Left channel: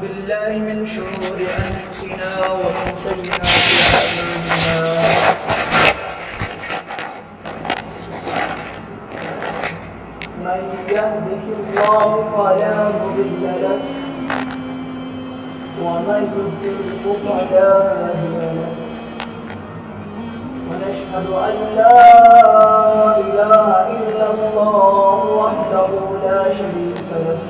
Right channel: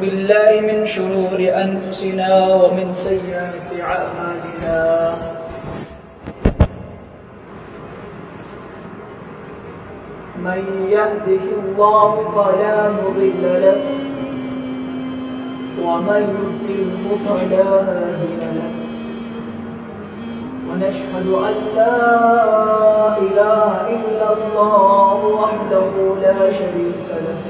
بالله من شرور أنفسنا ومن سيئات أعمالنا من يهده الله فلا مضل له ومن يضلل فلا هادي له ونشهد أن لا إله إلا الله وحده لا شريك له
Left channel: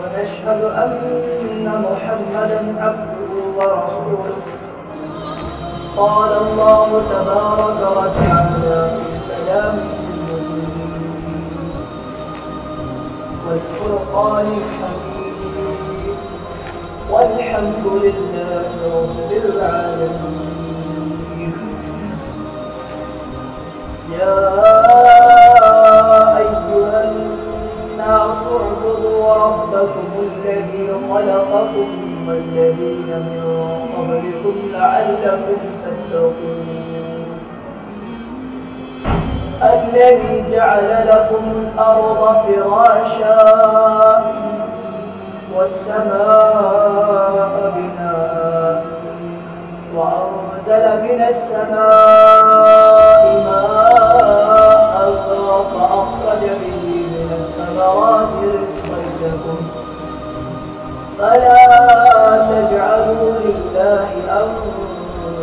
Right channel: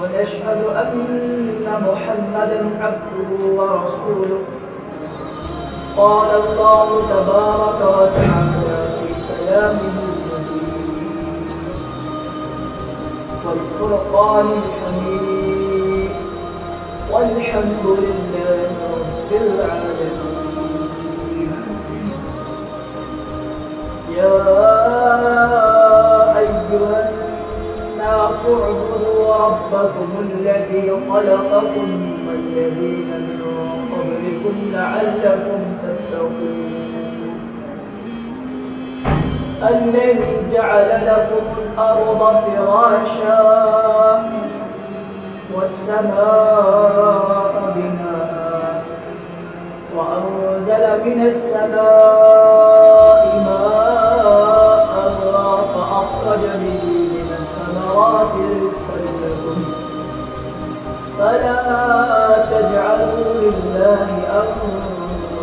ونشهد أن محمدا عبده ورسوله قال الله تبارك وتعالى في كلامه المجيد والفرقان الحميد والحمد لله رب العالمين يا أيها الناس اعبدوا ربكم الذي خلقكم والذين من قبلكم لعلكم تتقون الذي جعل لكم الأرض فراشا والسماء بناء وأنزل من السماء ماء فأخرج به من الثمرات رزقا لكم فلا تجعلوا لله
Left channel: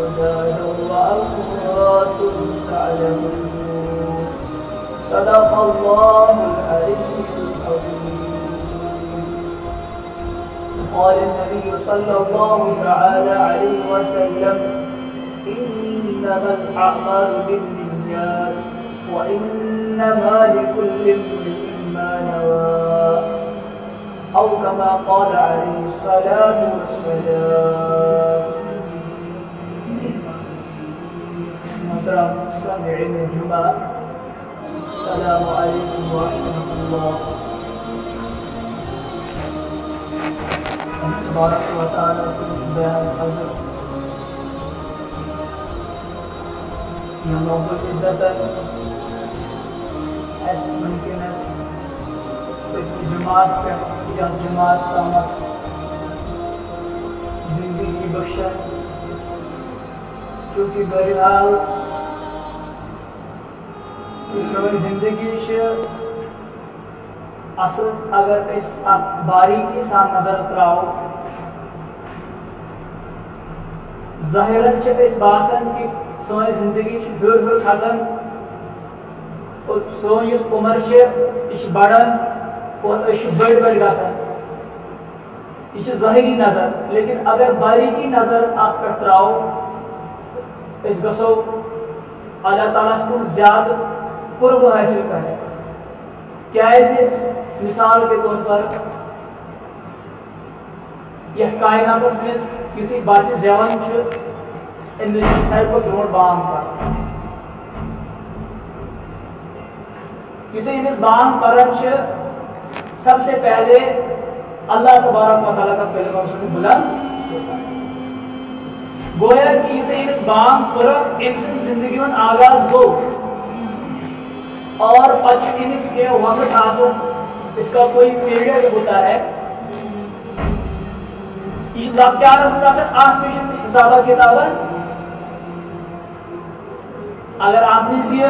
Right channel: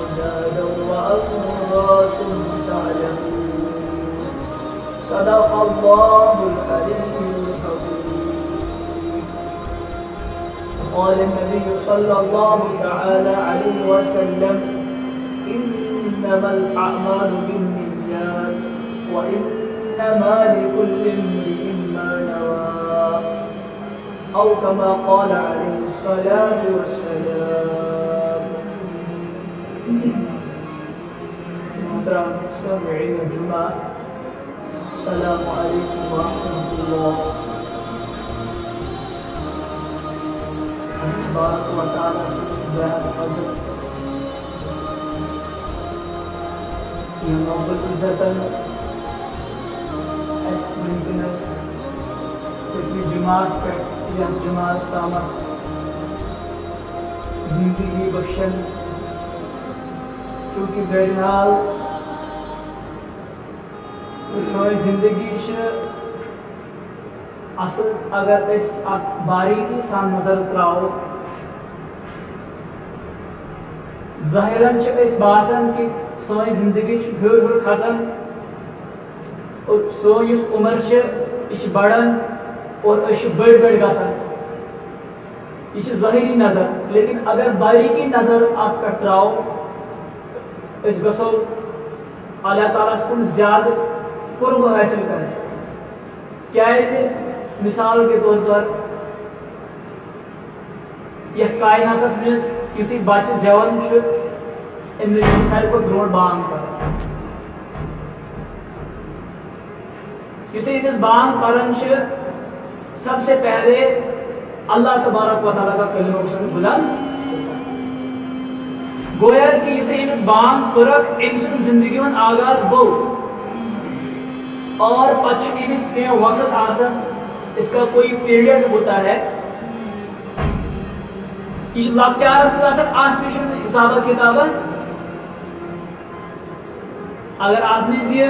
أندادا وأنتم تعلمون صدق الله العلي العظيم. قال النبي صلى الله تعالى عليه وسلم إنما الأعمال بالنيات وإنما لكل امرئ ما نوى أو كما قال عليه الصلاة والسلام. محترم سامعین الجمعہ السلام علیکم ورحمۃ اللہ تبارک و تعالی سے بیان حضرت یہ محبت عزتاً اس ممکنس پتنی جماعت پر یا جماعت تامت زندگی بخشن چونکہ بہرحال سوئی زندگی اصل اگر اس باریکی سان نظر تراؤ ظاہراً اس باسن کی سوئی زندگی ہر کھسان اور سوئی اس عمر یہ بڑھان اور بڑ گسان یہ ظاہری نظر لیکن اگر باریکی نظر ات پہ تراؤ اس گسو اللہ تعالیٰ کن زیادہ قرب حاصل کریں کیا مثال کے طور پر یہ کائنات مز یتھے بچہ زیوان امس ساروی کھت برو بانگ کر یتھے امس بانگ پران سب سے پہلے اللہ تبارک و تعالیٰ کا کلمہ اس کو بلند گویا کہ یتھے امس بانگ پرک امس زندگی من آغاز گو اور پچھ امس کے وقت آسن اس کا کوئی پیریڈ ہوتا ہے یہ لکچارس مز آسن ات مشن حسابہ کتابہ اگر ات مز یہ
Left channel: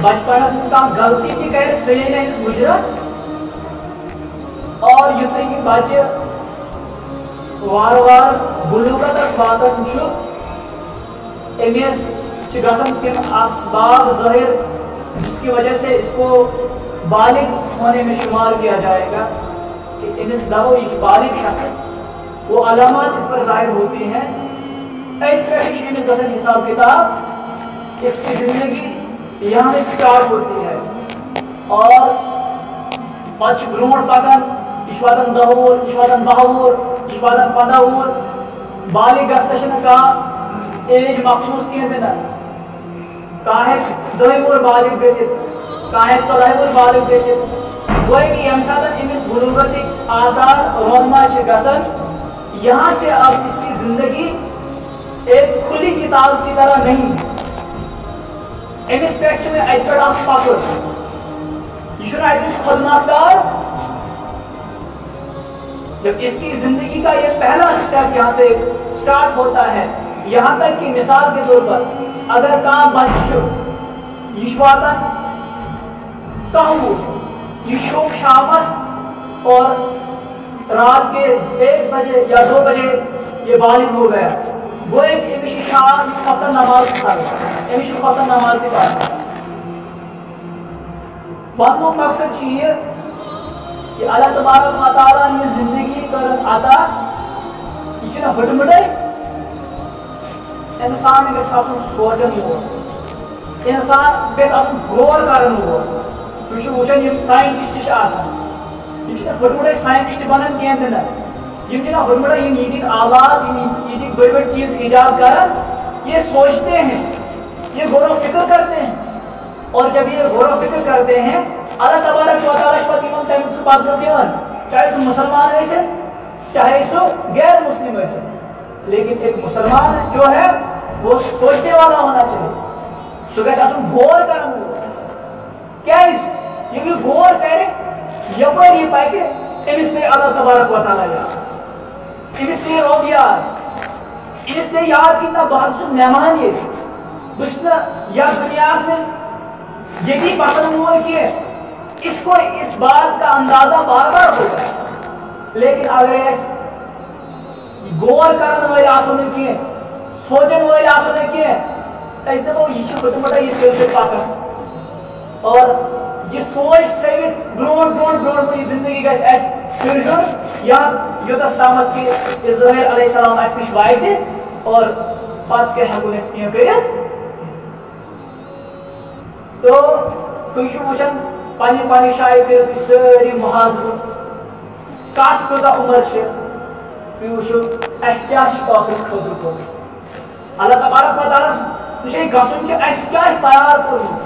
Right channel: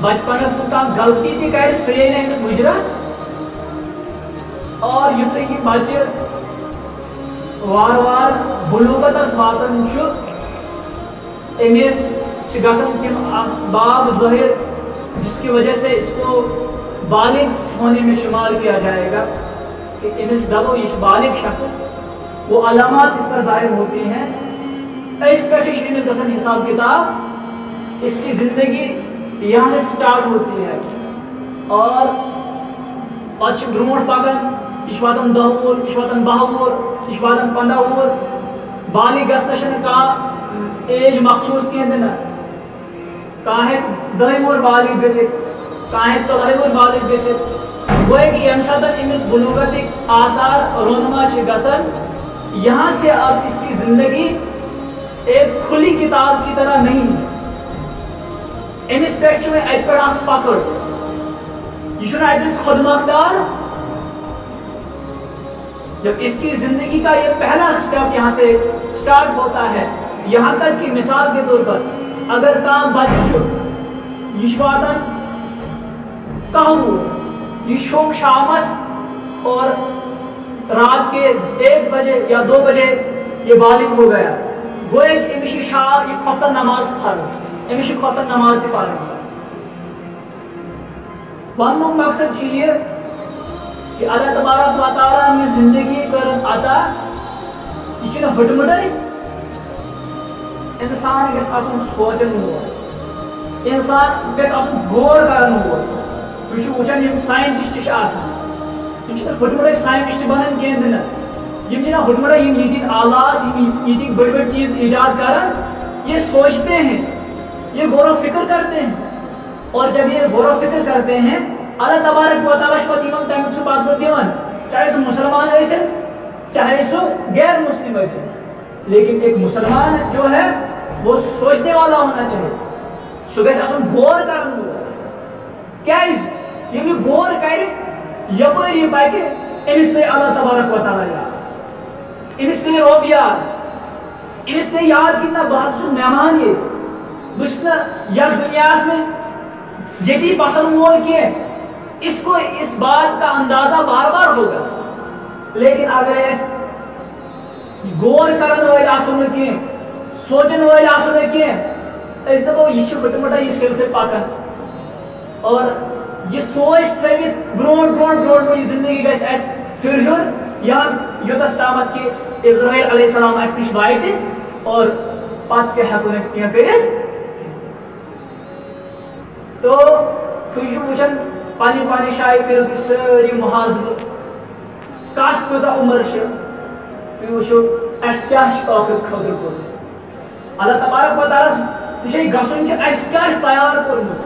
بچپنس مز کم غلطی تہ کر سہ یی امس مجرت اور یتھے یہ بچہ وار وار بلوغتس واتان امس گژھان تم اسباب ظاہر جس کی وجہ سے اس کو بالغ ہونے میں شمار کیا جائے گا کہ امس دبو یہ بالغ شخص وہ علامات اس پر ظاہر ہوتی ہیں حساب کتاب اس کی زندگی یہاں سے سٹارٹ ہوتی ہے اور پچ برونٹ پکان یہ واتان 10 وُہُر یہ واتان 12 وُہُر یہ واتان 15 وُہُر بالغ گژھنس کانٛہہ ایج مخصوص کہتے نا کانٛہہ 10 وُہُر بالغ گژھِتھ کانٛہہ 14 وُہُر بالغ گژھِتھ گویا کہ ییٚمہِ ساتہٕ أمِس بلوغتٕکۍ آثار رونما چھِ گژھان یہاں سے اب اس کی زندگی ایک کھلی کتاب کی طرح نہیں امس پہ ات پہ پکڑ یہ خود مختار جب اس کی زندگی کا یہ پہلا سٹیپ یہاں سے سٹارٹ ہوتا ہے، یہاں تک کہ مثال کے طور پر اگر کام بچ یہ واتن کہ یہ شوق شامس اور رات کے 1 بجے یا 2 بجے یہ بالغ ہو گیا، وہ ایک امشی شاہ یہ خطر نماز پڑھ امشی خطر نماز کی پڑھ ون مقصد یہ کہ اللہ تبارک و تعالیٰ نے زندگی کر عطا یہ ہٹمٹے انسان گھس آسن سوچن وول، انسان گھس آسن غور کرن وول۔ تھی وچان یم سائنٹسٹ یہ ہٹمٹے سائنٹسٹ بنان کی ہٹمٹے یہ آلات یہ بڑی بڑی چیز ایجاد کرن، یہ سوچتے ہیں، یہ غور و فکر کرتے ہیں، اور جب یہ غور و فکر کرتے ہیں اللہ تبارک و تعالیٰ تمیک سہ بدلہ دیوان، چاہے سہ مسلمان ٲسِن چاہے سہ غیر مسلم ٲسِن، لیکن ایک مسلمان جو ہے وہ سوچنے والا ہونا چاہیے، سہ گژھِ آسُن غور کرن وول۔ کیازِ ییٚلہِ یہِ غور کرِ یپٲرۍ یہِ پکہِ أمِس پیٚیہِ اللہ تبارک و تعالیٰ یاد، أمِس پیٚیہِ رۄب یاد، أمِس پیٚیہِ یاد کہِ نہ بہٕ ہسا چھُس مہمان ییٚتہِ، بہٕ چھُس نہٕ یتھ دُنیاہس منٛز ییٚتی بسن وول کینٛہہ۔ اس کو اس بات کا اندازہ بار بار ہوگا، لیکن اگر غور کرن ول آسو نہ کی سوچن ول آسو نہ کی اس دپو یہ ہٹمٹے یہ سیل سے پکان اور یہ سوچ تھوت برونٹ یہ زندگی گھس اس پھر یا یوتس تامت کہ اسرائیل علیہ السلام اس نش واتہ اور پتہ کیا ہیکو اس کینٛہہ کٔرِتھ۔ تو تُہۍ چھِو وٕچھان پنہ جایہِ کٔرِو سٲری محاذرٕ کس کۭژاہ عمر چھِ، تُہۍ وٕچھِو اَسہِ کیٛاہ چھُ ٲخرت خٲطرٕ کوٚرمُت، اللہ تبارک و تعالیٰ یہِ گژھُن چھُ اَسہِ کیٛاہ چھُ تیار کوٚرمُت،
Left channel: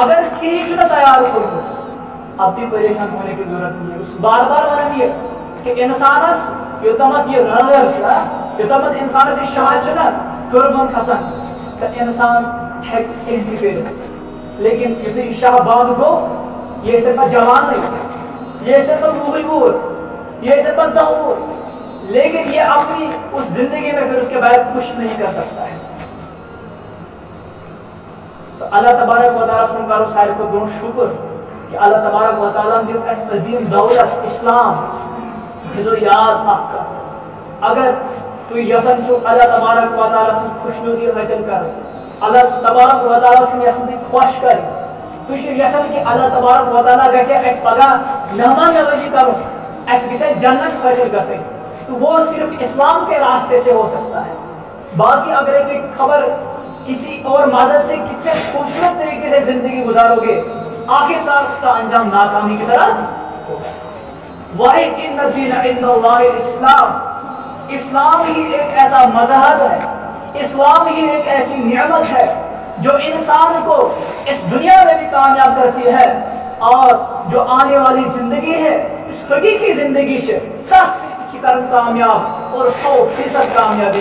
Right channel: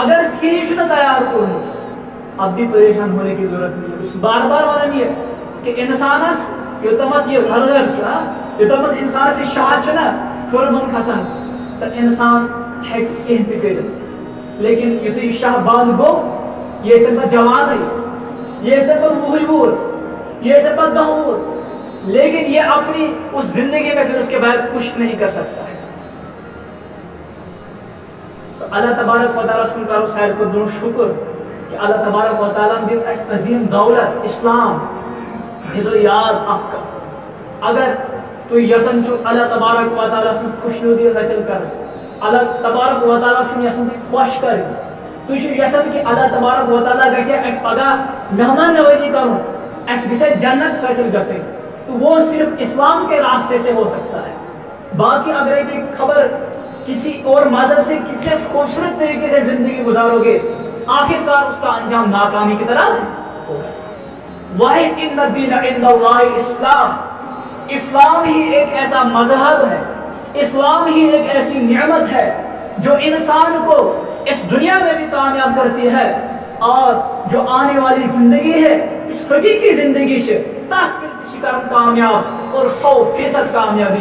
اگر کِہیٖنۍ چھُنہٕ تیار کوٚرمُت اب بھی پریشان ہونے کی ضرورت نہیں ہے۔ بار بار ونان یہ کہ انسانس یوتامت یہ گھر یوتامت انسانس یہ شاہ چھُ نا کٔرمُن کھسان تو انسان ہیٚکہِ کینٛہہ تہِ کٔرِتھ، لیکن یُتھُے یہ شاہ بند گو یہ ٲسۍ پتہٕ جوانے یہ ٲسۍ پتہٕ 10 وُہُر یہ ٲسۍ پتہٕ 10 وُہُر، لیکن یہ اپنی اس زندگی میں پھر اس کے بعد کچھ نہیں کر سکتا ہے۔ تو اللہ تبارک و تعالیٰ سن کرو ساروی کھۄتہٕ برونٛٹھ شکر کہ اللہ تبارک و تعالیٰ دِژ اَسہِ عظیٖم دولت اسلام، دِژو یاد اکھ اگر تُہۍ یژھان چھِو اللہ تبارک و تعالیٰ سٕنٛز خوشنودی حٲصِل کرٕنۍ، اللہ تبارک و تعالیٰ چھُنہٕ یژھان تُہۍ خۄش کرٕنۍ، تُہۍ چھِو یژھان کہ اللہ تبارک و تعالیٰ گژھِ اَسہِ پگاہ مہمان نوازی کرُن، اَسہِ گژھِ جنت حٲصِل گژھٕنۍ، تو وہ صرف اسلام کے راستے سے ہو سکتا ہے۔ باقی اگر ایک خبر کسی اور مذہب سے کتنے خوبصورت طریقے سے زندگی گزارو گے آخر کار اس کا انجام ناکامی کی طرف ہوگا۔ واحد ان الدین عند اللہ اسلام، اسلام ہی ایک ایسا مذہب ہے، اسلام ہی ایک ایسی نعمت ہے جو انسان کو اس دنیا میں بھی کامیاب کرتی ہے اور جو آنے والی زندگی ہے اس حقیقی زندگی سے شکر کامیاب اور 100% کامیابی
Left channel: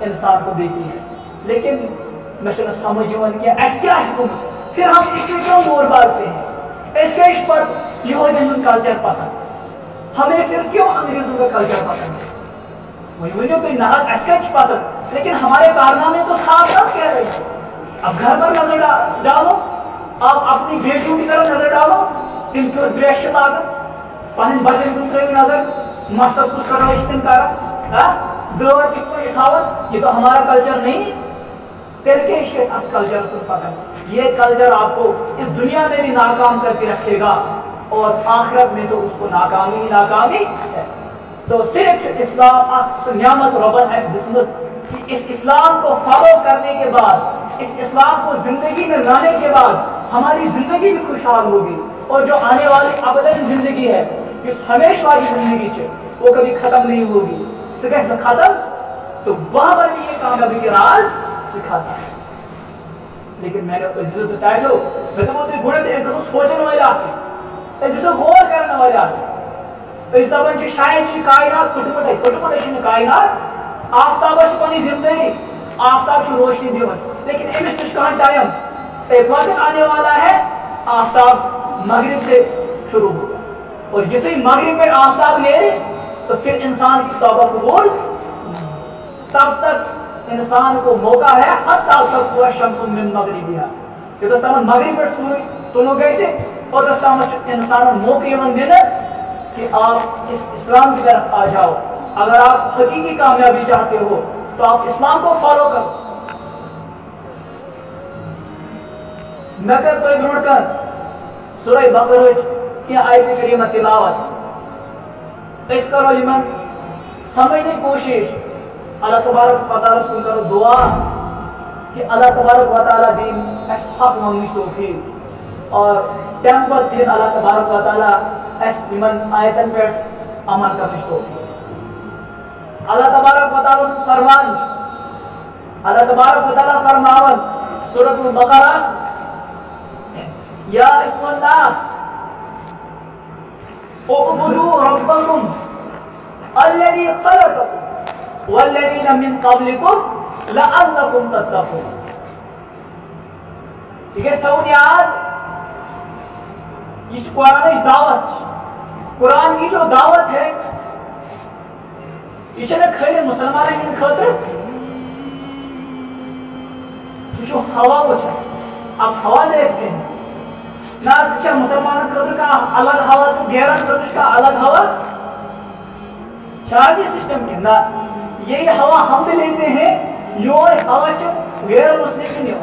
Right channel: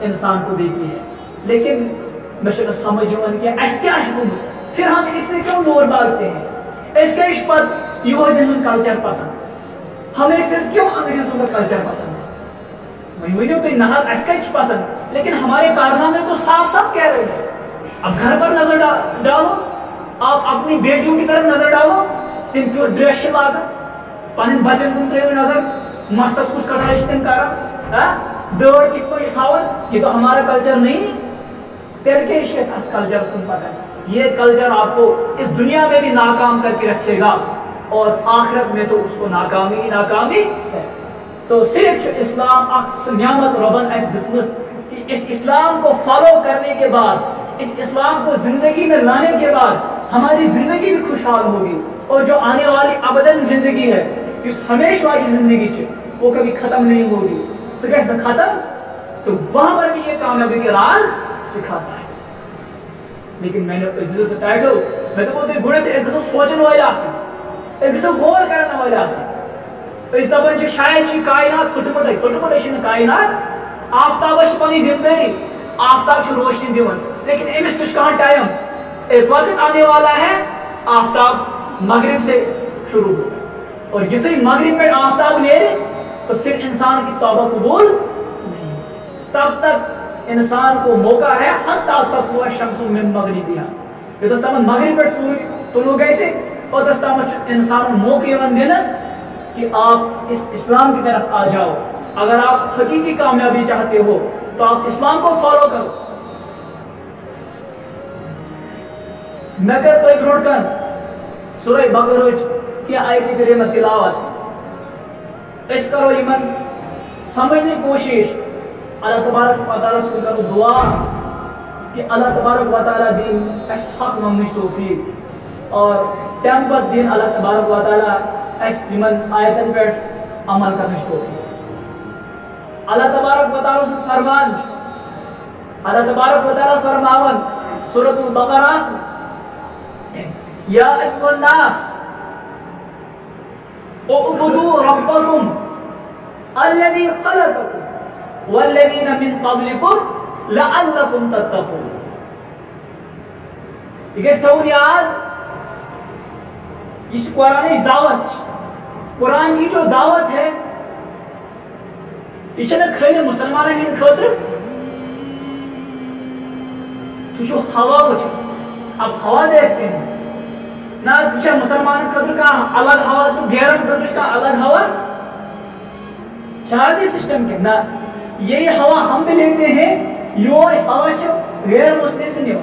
انسان کو دیتی ہے۔ لیکن میں سمجھ کہ اس کیا پھر ہم اس سے کیوں مور باغتے ہیں، اس کے پتہ یہودین کلچر پسند، ہمیں پھر کیوں انگریزوں کا کلچر پسند ہے، وہی ونو تھی نہ اس پسند، لیکن ہمارے کارنامے تو صاف صاف کہہ رہے ہیں۔ اب گھر پر نظر ڈالو، آپ اپنی بیٹیوں کی طرف نظر ڈالو، تم کیوں ڈریس لاگن، پن بچن کن ترو نظر، مستس کس کٹائی تم کران، بیڑ کت پہ تھاون، یہ تو ہمارا کلچر نہیں، پھر کیا کلچر کن پتہ، یہ کلچر آپ کو اس دنیا میں بھی ناکام کر کے رکھے گا اور آخرت میں تو اس کو ناکامی ہی ناکامی ہے۔ تو صرف اسلام نعمت ربن اس دسمس کہ اس اسلام کو فالو کرنے کے بعد، اس اسلام کو زندگی میں لانے کے بعد ہماری زندگی بھی خوشحال ہوگی، اور جو آنے والی ابداً زندگی ہے اس ہمیشہ والی زندگی ہے وہ کبھی ختم نہیں ہوگی، سکس ختم، تو وہاں پر بھی یہ کامیابی کے راز سکھاتا ہے۔ لیکن میں نے عزت بتایا تو میں تو بولتے بڑے تھے اس دسو سوچنے والے آسی، اس دسو غور کرنے والے آسی، اس دپن چھ شاید چھ کائنات پھٹمٹے چھنہ کائنات، آفتاب چھ پنی ذمہ داری، آفتاب چھ روشنی دیون، لیکن امس نش کہاں ٹائم، ایک وقت آنے والا ہے آفتاب مغرب سے شروع ہوگا، اور یہ تو مغرب میں آفتاب نیرے تو پھر انسان کی توبہ قبول، تب تک انسان کو موقع ہے حتی تک ہوا شمس من مغربیہ، یہ دستامت مغرب پر سوری تلو گئے سے، اور دستامت انسان موقع من دینا کہ آپ اس اسلام کی طرف آ جاؤ۔ اگر آپ حقیقی کامیابی چاہتے ہو تو آپ اسلام کو فالو کرو۔ میں کر تو برونٹ کن سورہ بقرہ کی آیت کریمہ تلاوت، اس کرو یمن سمجھنے کوشش، اللہ تبارک و تعالیٰ سے کرو دعا کہ اللہ تبارک و تعالیٰ دین اس حق ممنی توفیق، اور تمپت دین اللہ تبارک و تعالیٰ اس یمن آیتن پیٹ عمل کرنے توفیق۔ اللہ تبارک و تعالیٰ سے فرمان، اللہ تبارک و تعالیٰ فرماون سورۃ البقرہ یا ایھا الناس اعبدوا ربکم الذی خلقکم والذین من قبلکم لعلکم تتقون۔ یہ گژھِ تھاوُن یاد، یہ قرآنٕچ دعوت، قرآن کی جو دعوت ہے یہ چھنہ خالی مسلمانن ہند خاطر، یہ جو ہوا وچھن، اب ہوا دیکھتے ہیں نہ اچھا مسلمان خاطر کا الگ ہوا تو غیرت خاطر کا الگ ہوا، چاہیے سسٹم کے نہ یہی ہوا ہم بھی لیتے ہیں، یہ ہوا جو غیر مسلم کی نہیں۔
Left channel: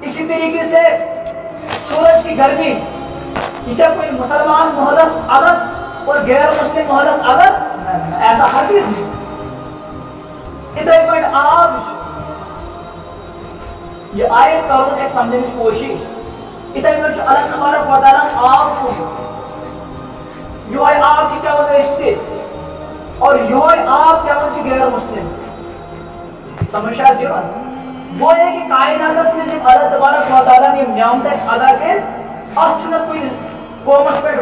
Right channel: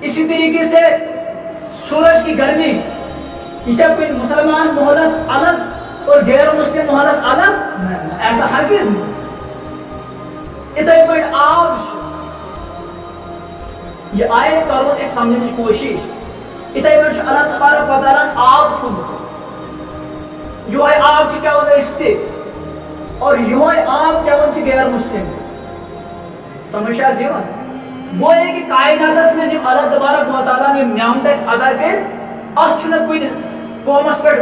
اسی طریقے سے سورج کی گرمی، یہ کوئی مسلمان مہلس الگ اور غیر مسلم مہلس الگ، ایسا ہرگز نہیں۔ اتھے پٲٹھۍ آب، یہ آیت کرو اس سمجھنے کی کوشش، اتھے پٲٹھۍ اللہ تبارک و تعالیٰ آب تھوٚمُت، یہوے آب چھِ چٮ۪وان أسۍ تہِ، اور یہوے آب چٮ۪وان چھِ غیر مسلم۔ سمجھ چھا یِوان؟ وہ ہے کہ کائناتس منٛز یِم اللہ تبارک و تعالیٰ یِم نعمت اَسہِ عطا کٔرۍ، اتھ چھُنہٕ کُنہِ قومس پٮ۪ٹھ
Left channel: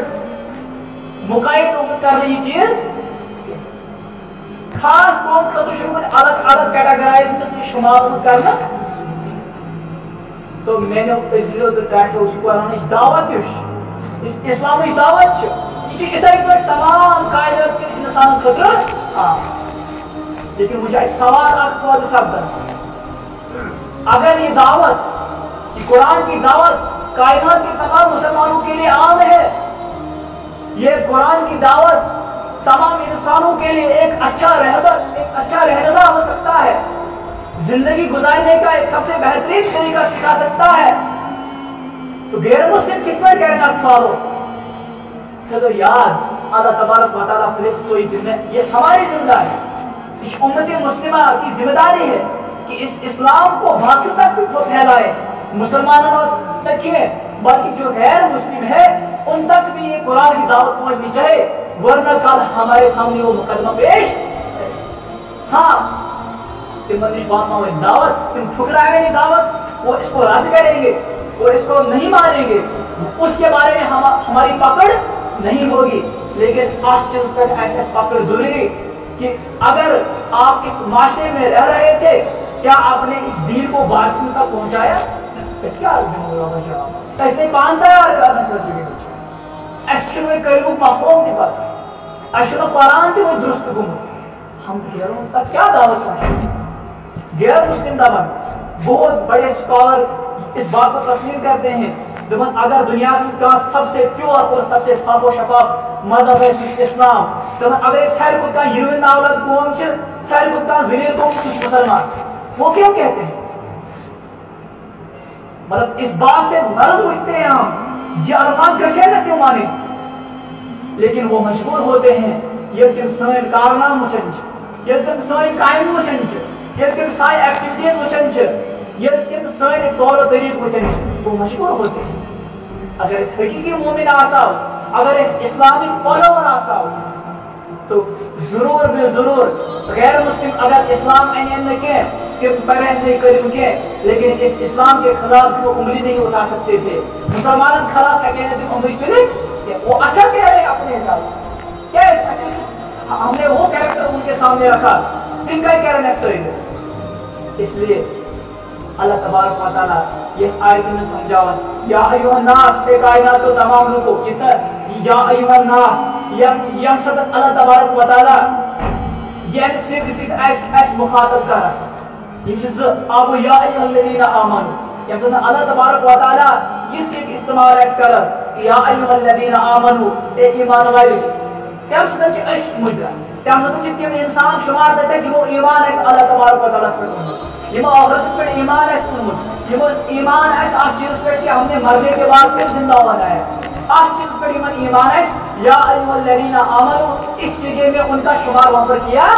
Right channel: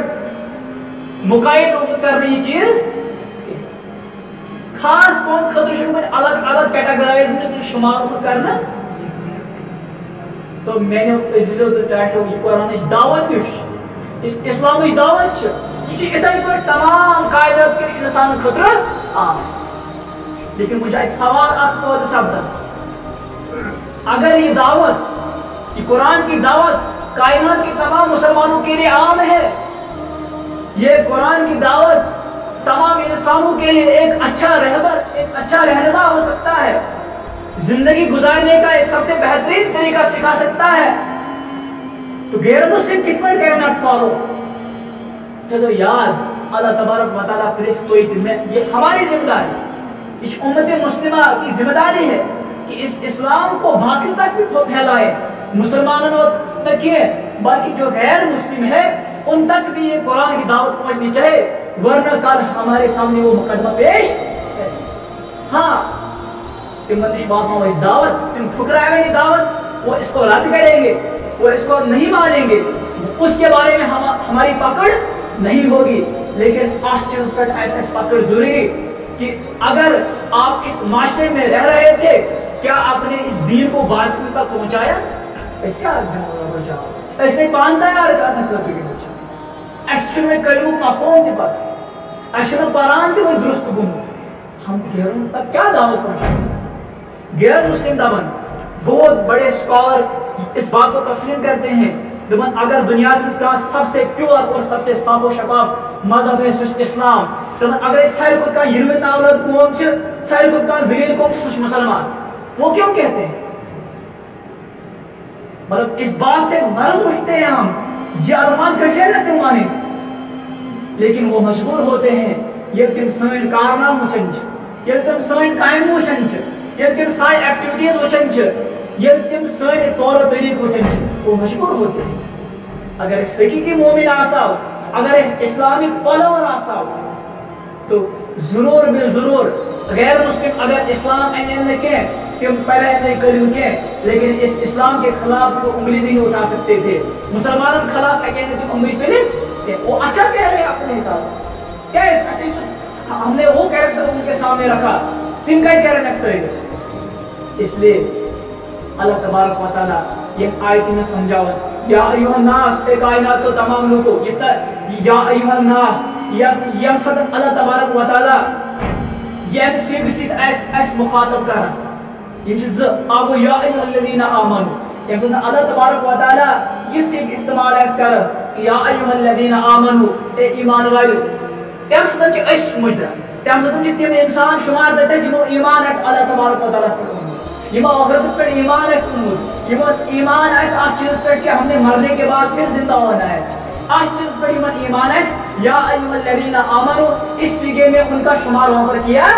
مقایِد آمُت کرنہٕ یہ چیٖز، خاص قوم خٲطرٕ چھُنہٕ کُنہِ الگ الگ کیٹاگرائز منٛز شُمار آمُت کرنہٕ۔ تو میانیو عزیزو تو ٹاٹھیو، یہ قرآنٕچ دعوت یُس اسلامٕچ دعوت چھِ، یہ چھِ اِتھے پٲٹھۍ تمام کائنات کٮ۪ن انسان خٲطرٕ۔ لیکن مجھے اَتہِ سوال اکھ پٲدٕ سپدان، اگر یہ دعوت، یہ قرآن کی دعوت کائنات کے تمام مسلمانوں کے لیے عام ہے، یہ قرآن کی دعوت تمام انسانوں کے لیے ایک اچھا رہبر، ایک اچھا رہنما ہو سکتا ہے، زندگی گزارنے کا ایک سب سے بہترین طریقہ سکھا سکتا ہے، تو غیر مسلم کتنا کہنا فالو کرو۔ یاد اللہ تبارک و تعالیٰ فرشتوئی میں، یہ ہماری ذمہ داری، اس امت مسلمہ کی ذمہ داری ہے کہ اس اسلام کو باقی تک بھی پھیلائے، مسلمانوں تک ہی بلکہ جو غیر مسلم ہے ان تک بھی یہ قرآن کی دعوت پہنچنی چاہیے، ورنہ کل ہمارے سامنے وہ مقدمہ پیش، ہاں تم واتناو اس دعوت، تم ٹھکرائیں گے دعوت، وہ اس کو رد کریں گے اور اس کو نہیں مانیں گے، اس کے بارے میں ہماری پکڑ نہیں ہوگی۔ لیکن آج چیز پر ایسا پکڑ ضروری کہ اگر آپ اس معاشرے میں رہ رہے تھے، کیا آپ نے اس دین کو باقی تک پہنچایا؟ اس کا جواب اس نے پان تیار کرنا کرتی ہے، ایسے میں کلمہ مفہوم کی بات، ایسے میں قرآن کی وہ درست گمت، ہم غیروں تک کیا دعوت پہنچائیں؟ غیر مسلم دبن بہت بڑے سکالر اس بات کو تسلیم کرتے ہیں، دبن اگر دنیا کا سب سے پیور اور سب سے صاف و شفاف مذہب ہے اسلام، دبن اگر اس سارے کو کا یروین اولاد قوم چھ، سارے کو کا ذلیل قوم کچھ مسلمان، وہ کیوں کہتے ہیں؟ مطلب اس بات سے مرض اٹھتے ہیں ہم، یہ الفاظ کیسے نہ کیوں مانے، لیکن وہ مشغول ہوتے ہیں، یہ تم سائن کارنام وچنچ، یہ تم سائن قائم وچنچ، یہ تم سائن ایکٹیویٹیز وچنچ، یہ تم سائن طور و طریق وچنچ، وہ مشغول ہوتے ہیں۔ اگر اس حقیقی مومن آساو، اگر اس اسلامک فالوور آساو، تو ضرور بے ضرور غیر مسلم اگر اسلام این کے تم پڑھے تھے کلم کے، لیکن اس اسلام کے خلاف وہ انگلی نہیں اٹھا سکتے تھے، مسلمانوں کے خلاف کہتے تھے انگلی پھیلی، وہ اچھا کہہ رہے اپنے حساب سے، کیا ہم نے وہ کیریکٹر ان کے سامنے رکھا، ان کا ہی کہہ رہے ہیں، اس لیے اللہ تبارک و تعالیٰ یہ آیت میں समझावन या अय्युहा नास ए कायनात को तमाम लोगों ये या अय्युहा नास या सद अल्लाह तबारक व तआला ये सिर्फ एस मुखातब करना ये अब या अय्युहल्लज़ीना आमनू ये सद अल्लाह तबारक व तआला ये सिर्फ इस्तेमाल एस कर या अय्युहल्लज़ीना आमनू ए ईमान वाले ये सद एस मुजरा तम सद तिम इंसान शुमार दते यमो ईमान एस अल्लाह तबारक व तआला पर यमो आखिरत पर ईमान एस उन्मुत यमो ईमान एस आ चीज पर कि हमने मरने के बाद फिर जिंदा होना है आ चीज पर ईमान एस या अय्युहल्लज़ीना आमनू इस सिगे में उनका शुमार वहां पर किया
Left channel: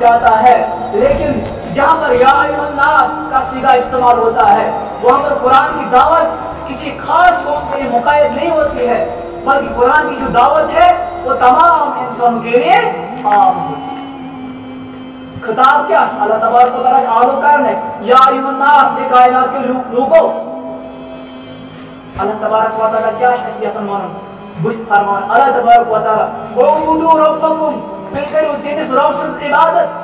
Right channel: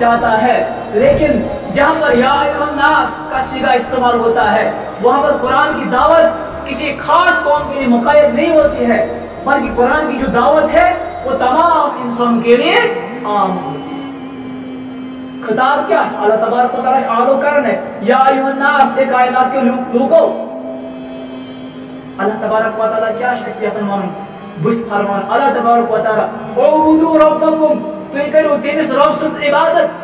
जाता है। लेकिन जहां पर या अय्युहन नास का सिगा इस्तेमाल होता है वहां पर कुरान की दावत किसी खास कौम के लिए मुक़य्यद नहीं होती है बल्कि कुरान की जो दावत है वो तमाम इंसान के लिए आम होती है। खिताब क्या अल्लाह तबारक व तआला आलो करने या अय्युहन नास ए कायनात के लोगों अल्लाह तबारक व तआला क्या शख्सियत मान बुश फरमान अल्लाह तबारक व तआला उबुदू रब्बकुम तुम करो तेमिस रब सज इबादत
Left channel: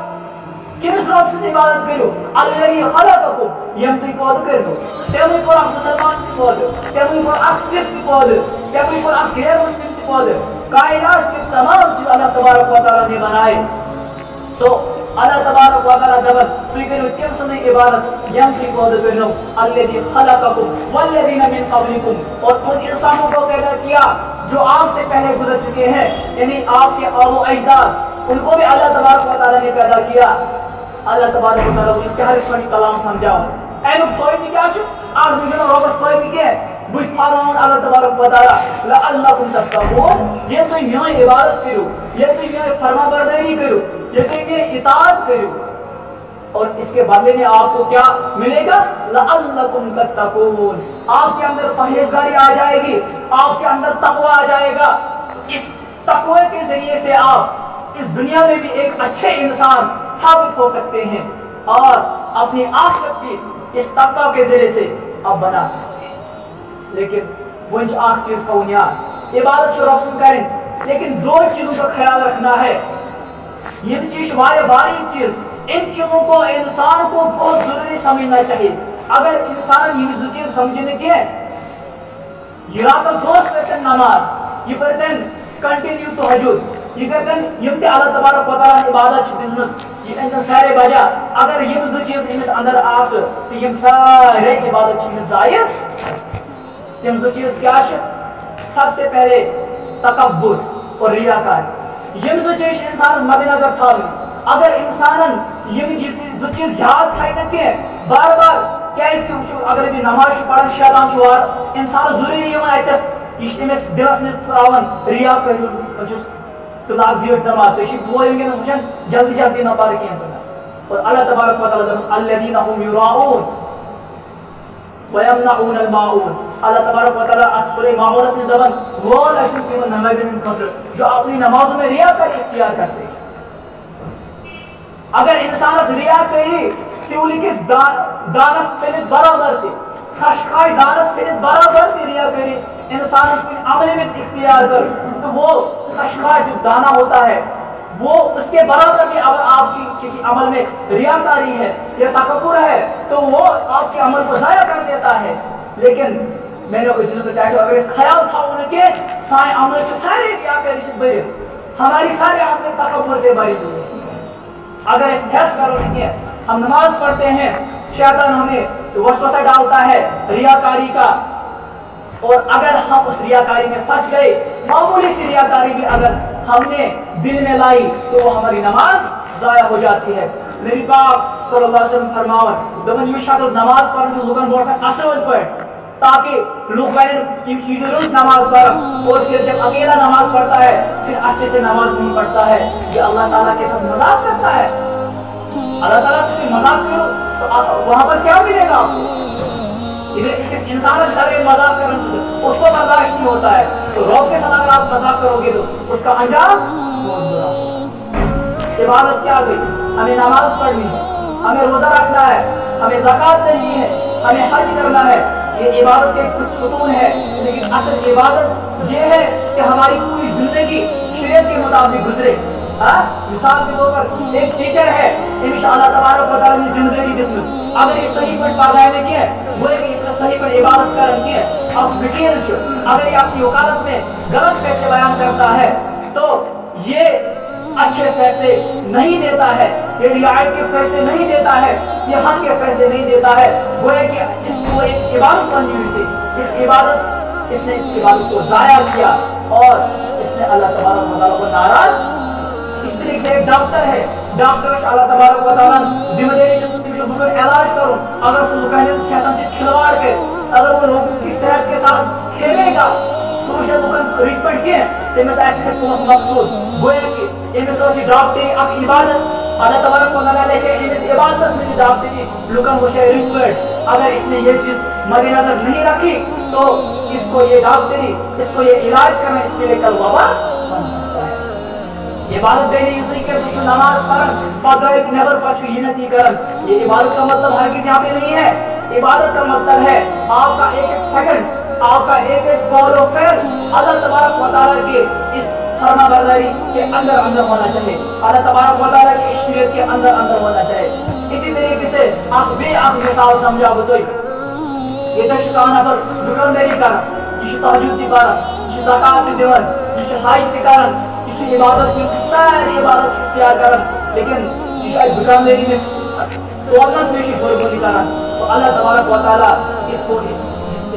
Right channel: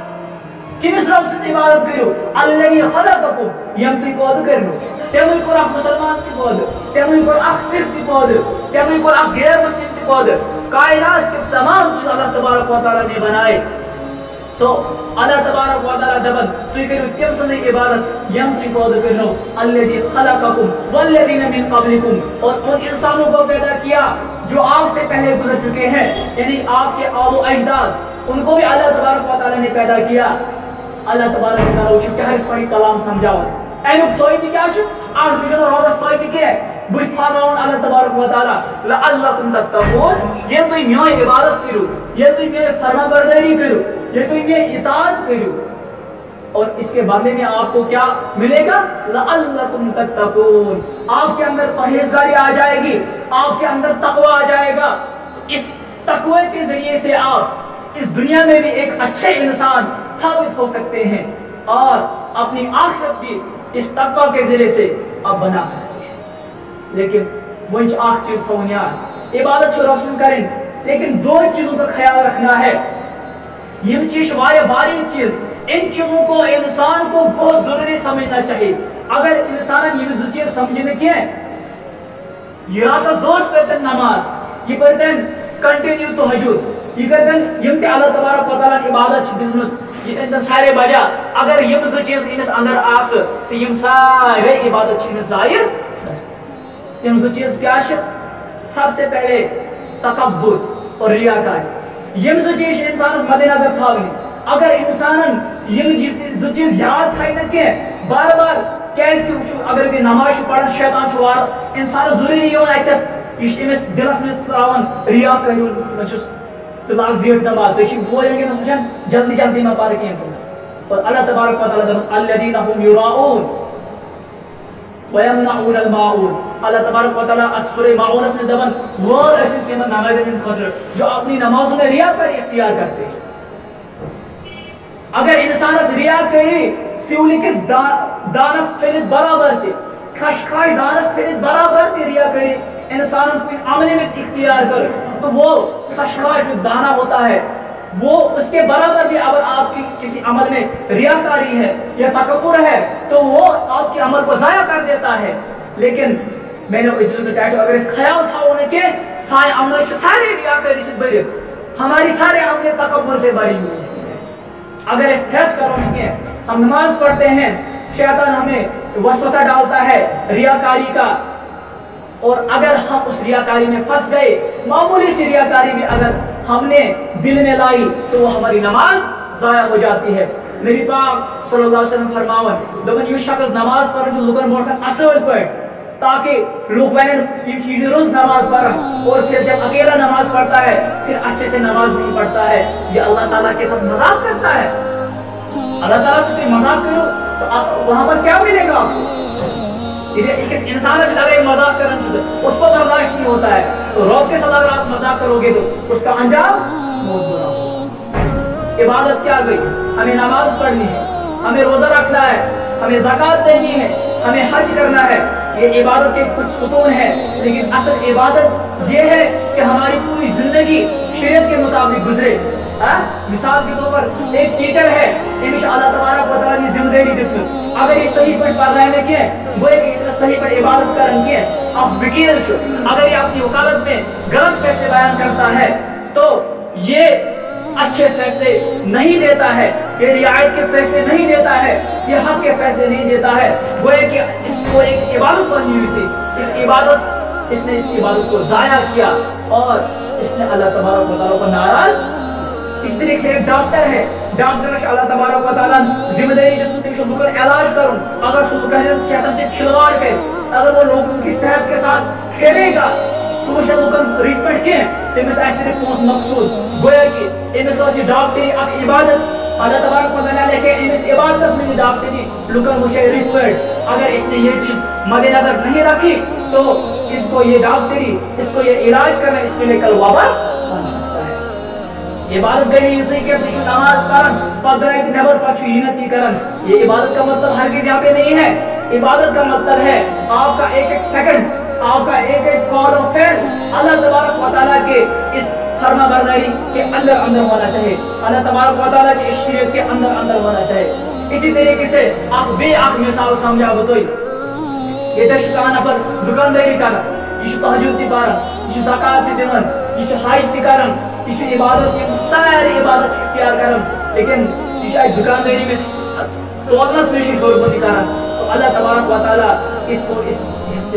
किमिस रब सज इबादत करो अल्लाही खलककुम यम तुम पौध करो तेमुई को आप मुसलमान की पौध तेमुई को आप सिख की पौध तेमुई को आप गैर मुस्लिम की पौध कायनात के तमाम चीज अल्लाह तबारक व तआला ने बनाए तो अल्लाह तबारक व तआला दबन तुम करो तेम सज इबादत यम तुम पौध करो अल्लाजी खलककुम वल्लज़ीना मिन क़ब्लिकुम और उन इंसानों को पैदा किया जो आपसे पहले गुजर चुके हैं यानी आपके आबो अजदाद उनको भी अल्लाह तबारक व तआला ने पैदा किया। अल्लाह तबारक व तआला उस क्या फरी कलाम समझाओ एनु फायदे क्या छु आज बिजन रोबस फायदे के बुझ फरमाउन अल्लाह तबारक व तआला लअल्लकुम तत्तकून ये तो न्याय इबादत करो ये तो न्याय फरमाबरदारी करो ये तो न्याय इताअत करो और इसके बदले में आपको क्या मिलेगा लअल्लकुम तत्तकून आपके अंदर परहेजगारी आ जाएगी आपके अंदर तकवा आ जाएगा। इस तकवे के जरिए से आप इस दुनिया में भी एक अच्छे इंसान साबित हो सकते हैं और अपनी आखिरत भी इस तकवा के जरिए से आप बना सकते हैं। लेकिन वो आख चीज का बुनियाद इबादत से रोशन करें लेकिन दो चीजों का ख्याल रखना है ये चीज वाले बारीक चीज इन चीजों को इंसान को बहुत जरूरी समझना चाहिए। अगर इंसान ये चीज समझने के या तो दोस्त पढ़ते नमाज ये पढ़ते कंटिन्यू तहज्जुद ये करते यम ते अल्लाह तबारक व तआला इबादत दिसमस ये अंदर सारे बजा अगर यम चीज इनस अंदर आस तो यम सारे इबादत छिन जाया यम चीज क्या सबसे पहले तकब्बुर और रियाकारी यम चीज इंसान मद्देनजर थावनी अगर इंसान यम चीज याद थाई न के बार बार क्या इसकी अगर ये नमाज पढ़न शैतान छुआर इंसान जरूरी ये अतस इस दिलस में त्रावन रिया करू तो लाग जियत नमाज तो वो ये वचन जल्दी जल्दी ना पार के और अल्लाह तबारक व तआला अल्लज़ीना हुम युराऊन व यमनऊन अल माऊन अल्लाह तबारक व तआला सूरह माऊन में दबन वो ऐसे के नमाज में खतर जो अपनी नमाजों में रिया कर इख्तियार करते हैं। अगर इंसान रिया करी सिवली के दानस फिलिस बराबर थे खशखाश दानस फिलिस बराबर थे रिया करी इंसान कोई अमल में इख्तियार कर तो वो खशखाश जो दाना होता है वो उसके बराबर भी अगर आपकी किसी अमल में रियाकारी है या तकब्बुर है तो वो आपके अमल को जाया कर देता है। लेकिन मैंने अगर इस ख्याल था उनके सारे अमल से सारे रियाकारी से भरे हमारी सारे अमल तकब्बुर से भरी हुई है। अगर इस फैस करो कि हम नमाज पढ़ते हैं शैतान हमें वसवसा डालता है रियाकारी का और अगर हम उस रियाकारी में फंस गए मामूली सी रियाकारी भी अगर हमने दिल में लाई तो वो हमारी नमाज जाया हो जाती है। नबी पाक सल्लल्लाहु अलैहि वसल्लम फरमावन दबन यु शख्स नमाज पढ़न जो लुकन बोलता असल पर ताकि लोग वने ये चीजें रोज नमाज पढ़ और फिर जब अकेला नमाज पढ़ता है फिर अच्छे से नमाज नहीं पढ़ता है ये अल्लाह ताला के साथ मजाक करता है। अल्लाह ताला से मजाक करो तो वहां पर क्या मिलेगा आपको? किस इंसान से अगर मजाक करना उसको बर्दाश्त नहीं होता है तो रब के साथ अगर आप मजाक करोगे तो उसका अंजाम बहुत बुरा। इबादत क्या गई हमें नमाज पढ़नी है हमें रोजा रखना है हमें ज़कात देनी है हमें हज करना है ये इबादत के कुछ सुकून है। लेकिन असल इबादत ये है कि हमारी पूरी जिंदगी शरीयत के मुताबिक गुजरे। मिसाल के तौर पर एक टीचर है इंशाअल्लाह तबारक व तआला ने जिम्मेदारी दी अगर ये सही कोई पढ़ाने के वो एक सही पर इबादत करन के अब वकील छ अगर ये अपनी वकालत में गलत फैसले बयान करता है तो ये अच्छे फैसले नहीं देता है, ये रियायत के फैसले नहीं देता है, ये हक के फैसले नहीं देता है। वो है कि इसको एक इबादत बनी हुई थी, इसने इस इबादत को ज़ाया किया और इसने अल्लाह तबारक व तआला को नाराज। इस तरीके से एक डॉक्टर है, डॉक्टर अल्लाह तबारक व तआला जिम्मेदारी जो इलाज करूं, अगर सुबह सेहत से खिलवाड़ के अगर वो लोगों की सेहत के साथ खेलेगा ट्रीटमेंट के तमिस पोस मकसूद गोया कि एमिस डॉक्टरी अख इबादत अल्लाह तबारक व तआला लेके एमिस इबादत में डॉक्टरी लुकन वो रिक्वायर्ड। अगर इसने ये चीज मद्देनजर नहीं रखी तो इसको ये डॉक्टरी, इसको ये इलाज करना इसके लिए कल वबा बन सकता है। इबादत गई के नमाज पढ़न पदराइत नेबर पछु यीनती करन, ये इबादत का मतलब हरगिज यहाँ पे नहीं है। इबादत का मतलब है आपका एक एक सेकंड, आपका एक एक कौल और फेल अल्लाह तबारक व तआला के इस फरमाबरदारी के अंदर अंदर होना चाहिए, अल्लाह तबारक व तआला की इस शरीयत के अंदर अंदर होना चाहिए। इसी तरीके से आप बेआक मिसाल समझा बतोई ये तशकान पर दुकानदारी करन, ये तहज्जुद ती पारन, ये ज़कात ती दिवन, ये हज ती करन, ये इबादत की सारी इबादत इख्तियार करन, लेकिन ये दुकानदारी में तोलस में गड़बड़ी करन तो अल्लाह तबारक व तआला इसको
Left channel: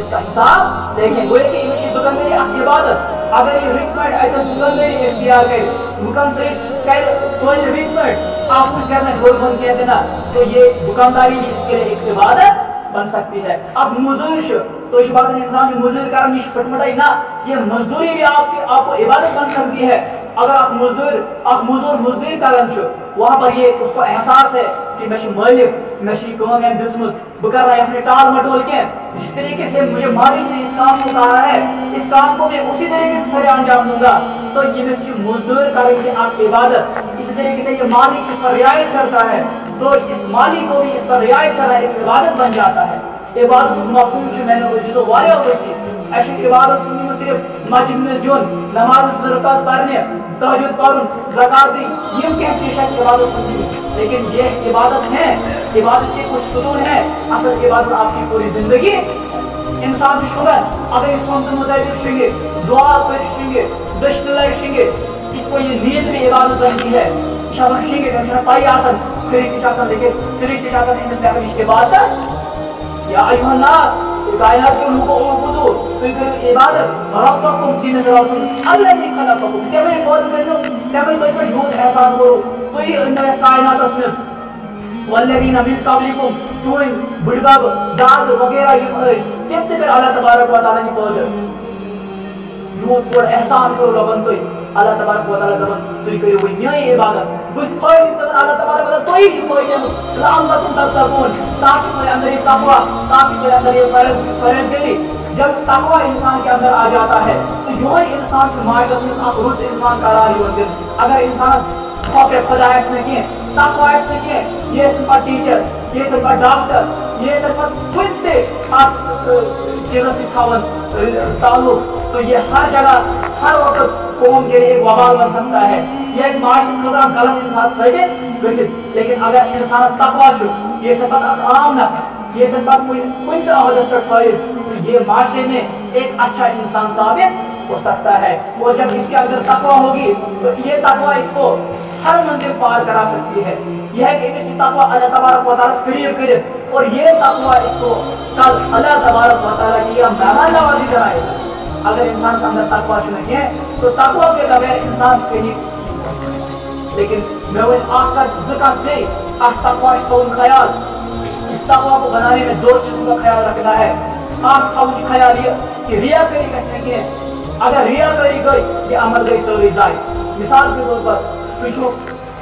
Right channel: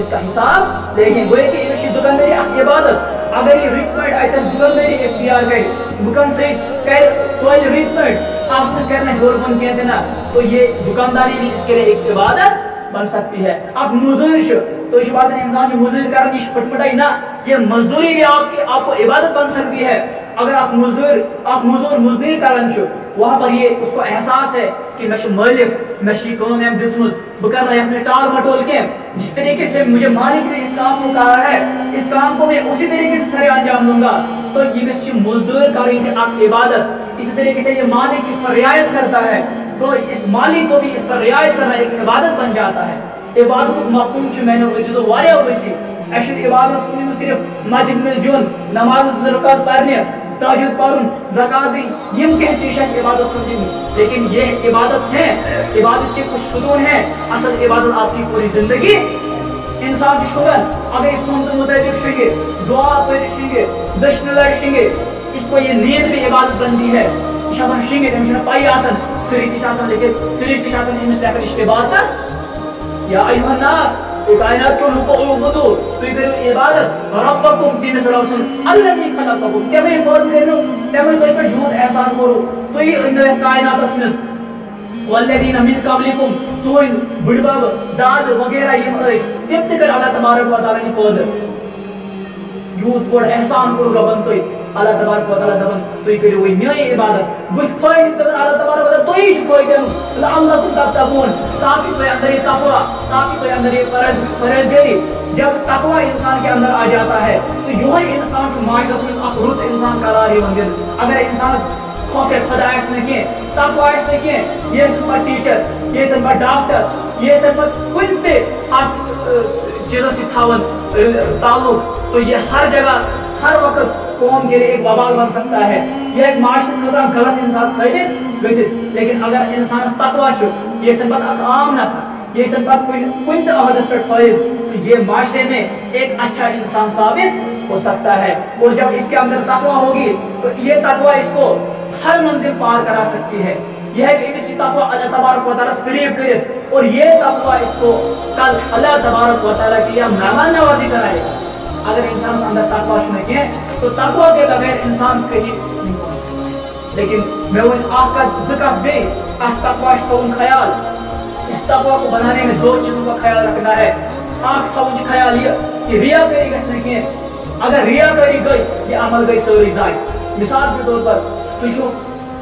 इसका हिसाब लेकिन वो कि ये दुकानदारी इबादत अगर ये रिकमेंड आइए दुकानदारी इख्तियार गई दुकान से कर कोई रिकमेंड आप कुछ करना गड़बड़ कहते ना तो ये दुकानदारी भी इसके लिए एक इबादत बन सकती है। अब मजदूर तो इस बात इंसान जो मजदूर करने फटमटाई ना, ये मजदूरी भी आपको इबादत बन सकती है। अगर आप मजदूरी कर वहां पर ये उसको एहसास है कि मैं मालिक मैं काम दिसमुत बह कर रहा है टाल मटोल के जिस तरीके से मुझे मालिक ने इस काम को कहा है इस काम को मैं उसी तरीके से सरे अंजाम दूंगा, तो ये मजदूर करेंगे इबादत। इसी तरीके से ये मालिक इस पर रियायत करता है तो इस मालिक को भी इस पर रियायत करना एक इबादत बन जाता है। इबादत मफहूम मैंने इबादत सुनी सिर्फ मस्जिद में जुन नमाज रुकास पढ़ने तहज्जुद पढ़न ज़कात दी यम कह चीज इबादत सुनी, लेकिन ये इबादत है, इबादत के कुछ सुकून है। असल इबादत आपकी पूरी जिंदगी इंसान की शुगर अगर इस सोच मुताबिक शिंगे दुआ कर शिंगे दश्न लड़ शिंगे इसको ये नीयत भी इबादत बनती है। इशासन शिंगे तमशना पाई आसन फिरिश आसन लेकिन फिरिश आसन इमिस लेकिन इबादत या अय्युहन नास तो कायनात के लोगों को उबुदू तो इधर इबादत रब्बकुम तीन सरौसन अल्लाजी खलक़कुम के मैं बोल करो ते मैं कोई पर झूठ एहसान करो तो ये इन कायनात में वल्लदीन मिन क़ब्लिकुम तो बुढ़बाब दाद वगैरह ये जब तक अल्लाह तबारक व तआला की पद यूथ पर एहसान करो रबन तो अल्लाह तबारक व तआला दबन तो करो वही न्याय इबादत बुझ फायदे तब अल्लाह तबारक व तआला तो ही फायदे अल्लाह तत्तकून ताकि कोई अंदर ये तकवा ताकि कोई अंदर ये परहेजगारी जब तकवा इंसान के अंदर आ जाता है तो यही इंसान से माइशत में आप रुत इंसान करारी होंगे। अगर इंसान खौफ खुदाइश में के तकवाइश में के ये सिर्फ टीचर ये सिर्फ डॉक्टर ये सिर्फ कुछ आप चीज़ों से थावन ताल्लुक तो ये हर जगह हर वक्त कौम के लिए एक वबाल बन सकता है। यह एक माशरे के अंदर गलत इंसान साबित वैसे, लेकिन अगर इंसान तकवा छो ये सिर्फ आम ना ये सिर्फ कुछ अहदस पर फैज तो ये माशरे में एक अच्छा इंसान साबित हो सकता है। और जब इसके अंदर तकवा होगी तो ये तकवा इसको हर मंजिल पार करा सकती है। यह कि इसी तकवा अल्लाह तबारक व तआला से करीब करीब और ये तकवा इसको कल अल्लाह तबारक व तआला की मेहमान नवाजी कराएगा। अगर इंसान के अंदर तकवा नहीं है तो तकवा के बगैर इंसान कहीं नहीं पहुंच सकता। लेकिन मैं वो आपका ज़िक्र दे आज तकवा ख्याल इस तकवा को बनाने में दो चीजों का ख्याल रखना है। आप थोड़ा ख्याल ये कि रिया करी गई अगर रिया करी गई ये अमल गई सारी जाए। मिसाल के तौर पर तुझो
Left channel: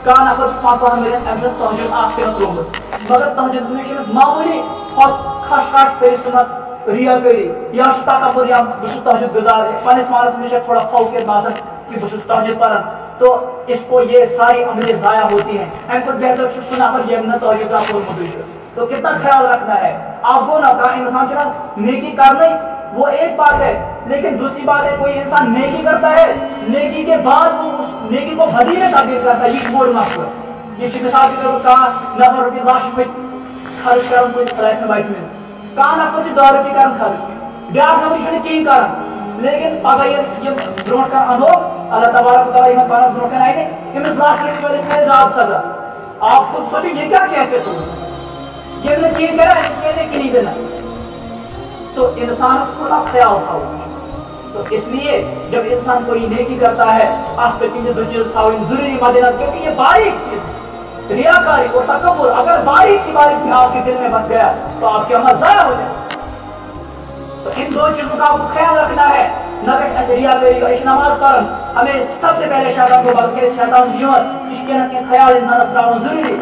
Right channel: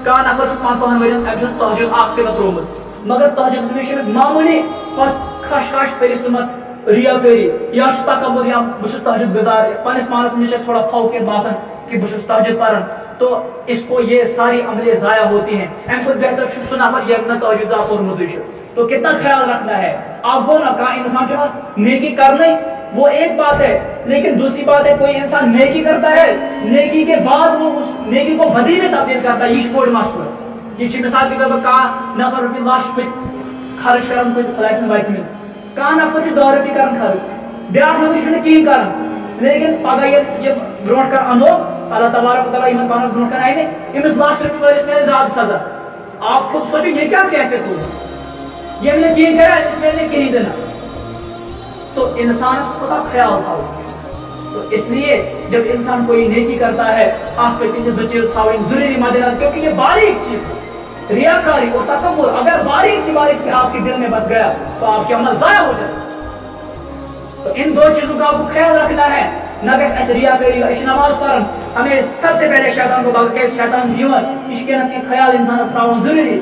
का नफर 5 वन तहज्जुद आखिर त्रोमुत मगर तहज्जुद में मामूली खश परिसमत रिया करी या तकबर या बस तहज्जुद गुजार पानिस मानस में थोड़ा फौकियत बासन कि बस तहज्जुद पढ़न तो इसको ये सारी अमलें ज़ाया होती हैं। ऐसा बेहतर सुना पर ये न तहज्जुद और मुदरिश तो कितना ख्याल रखना है आपको ना का इंसान जो नेकी करना वो एक बात है, लेकिन दूसरी बात है कोई इंसान नेकी करता है नेकी के बाद वो उस नेकी को बदी में तब्दील करता है। ये कोड मसला ये मिसाल के तौर पर कहा नफर रुपये लाश पे खर्च कर कोई फ्लाइस में बाइक में कह नफर 10 रुपये कर खर्च ब्या नफर कहीं कर लेकिन पगह ये ब्रो कर अनो अल्लाह तबारक व तआला इन पानस ब्रो कर आए इमिस लाख रुपये वालिस में ज्यादा सजा आप खुद सोचो ये क्या कहते हो ये मैंने कहीं करा इसमें ने कहीं देना तो इंसान थोड़ा ख्याल था तो इसलिए जब इंसान कोई नेकी करता है आप चीज था जरूरी मद्देनजर क्योंकि ये बारीक चीज है रियाकारी और तकब्बुर अगर बारीक सी बारीक आपके दिल में बस गया तो आपके अमल जाया हो जाए तो इन दो चीजों का आपको ख्याल रखना है न कि रियाकारी नमाज पढ़न हमें सबसे पहले शैतान को बल्कि शैतान जीवन इसके न ख्याल इंसान त्रावन जरूरी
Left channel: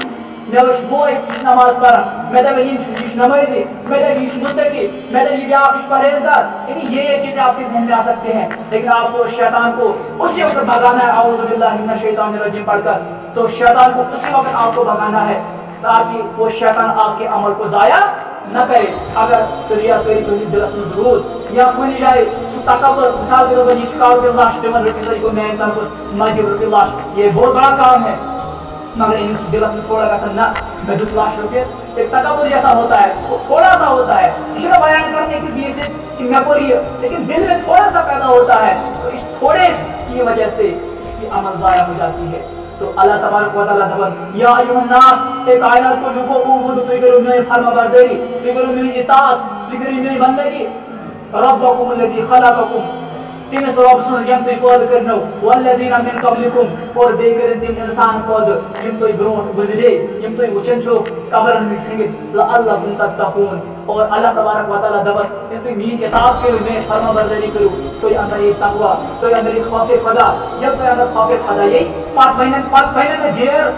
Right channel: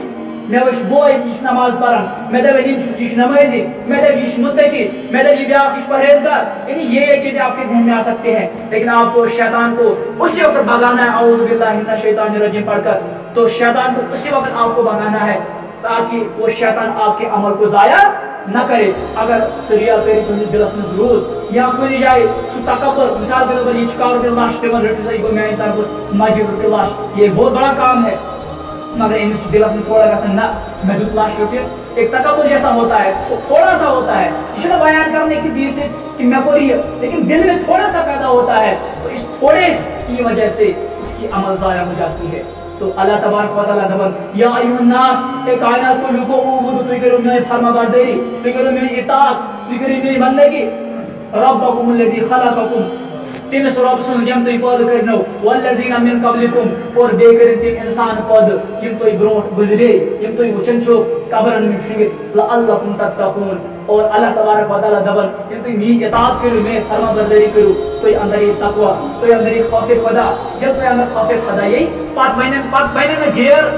मे वो बोय यह नमाज पढ़ान मे दप यह नमाजी मे दप यह मुत्तकी मे दप यह ब्या परहेजगार यानी ये चीजें आपके जहन में आ सकते हैं लेकिन आपको शैतान को उसी वक्त भगाना है औज़ु बिल्लाहि मिनश शैतानिर रजीम पढ़कर तो शैतान को उसी वक्त आपको भगाना है ताकि वो शैतान आपके अमल को जाया न करे अगर सरिया करी तो दिलस में जरूर या कोई जाए तकबर मिसाल के तौर पर ये लाश टिमन रटी को मैं तरफ मस्जिद लाश ये बहुत बड़ा काम है मगर इन दिलस में थोड़ा सा ना मैं दुख लाश रुपये एक तकबर जैसा होता है तो थोड़ा सा होता है इसलिए बयान करने की बीच से कि मैं पूरी है लेकिन दिल में थोड़ा सा पैदा होता है तो इस थोड़े की वजह से इसकी अमल जाया हो जाती है तो अल्लाह तबारक व तआला दबन या अय्युहन नास ए कायनात को लोगों उबुदु तुई करो मेरी फरमाबरदारी तुई करो मेरी इताअत तुई करो मेरी बंदगी रब्बकुम लजी खलककुम तिमिस रब सुन जम तुई पद करनो वल्लजीना मिन कबलिकुम और बेकर तिम इंसान पद यम तुई ब्रोट गुजरे यम तुई वचन छो कब्रन में छिंगे लअल्लकुम तत्तकून और अल्लाह तबारक व तआला दबन यम तुई मी इताअत करो मैं फरमाबरदारी करो तुई अंदर ये तकवा तुई अंदर ये खौफ खुदा जब तुई अंदर खौफ खुदा यही पांच महीने में घेर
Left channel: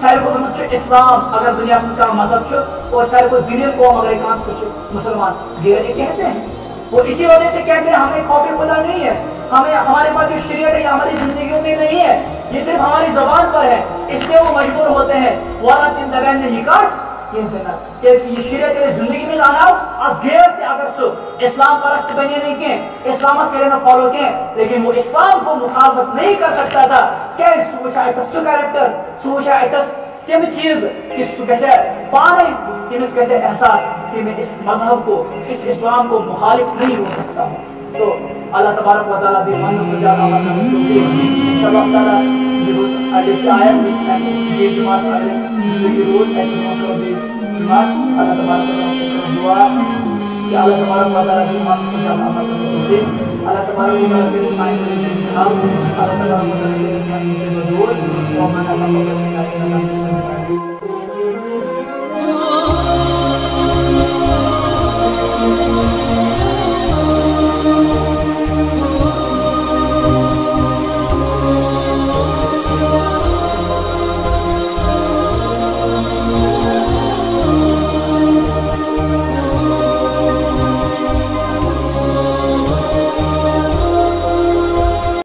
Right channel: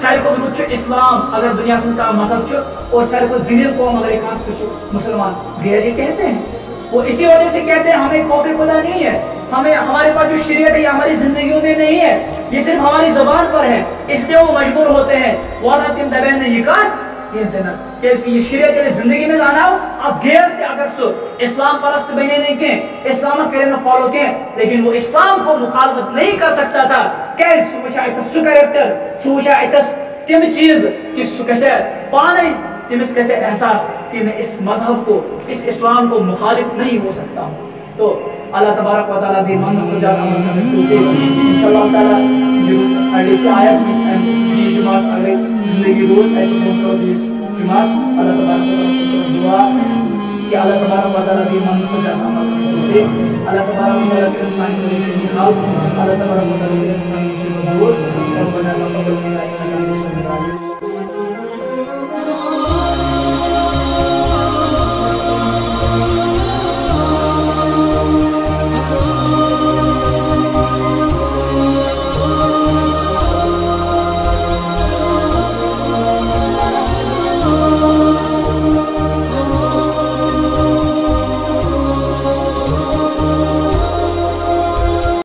सारे को मुझ इस्लाम अगर दुनिया में का मजहब और सारे को जिनिल कौम अगर एक मुसलमान घेर ये कहते हैं वो इसी वजह से कहते हैं हमें खौफ खुदा नहीं है हमें हमारे पास जो शरीयत है ये हमारी जिंदगियों में नहीं है ये सिर्फ हमारी जबान पर है इसलिए वो मजबूर होते हैं वाला तिम दबैन ने ये कर ये देना कि ये शरीयत के जिंदगी में जाना अब घेर अगर सो इस्लाम परस्त बने नहीं के इस्लाम करे ना फॉलो के लेकिन वो इस्लाम को मुखालफत नहीं कर सकता था क्या सोचा सु कैरेक्टर सोचा तिम चीज कि कैसे पाने तिमिस कैसे एहसास कि मैं इस मजहब को इस इस्लाम को मुखालिफ नहीं हो सकता हूँ तो अल्लाह तबारक व तआला दी मन को ज्यादा अमल करने को इंशाअल्लाह ताला दिवस अगले आयत में ये जुमास अगले जिंदगी रोज है तो करो दिस जुमास अल्लाह तबारक व तआला से दुआ कि अल्लाह तबारक व तआला दी मन को ज्यादा अमल करने को अल्लाह तबारक व तआला के साइन को हाल अल्लाह तबारक व तआला के साइन से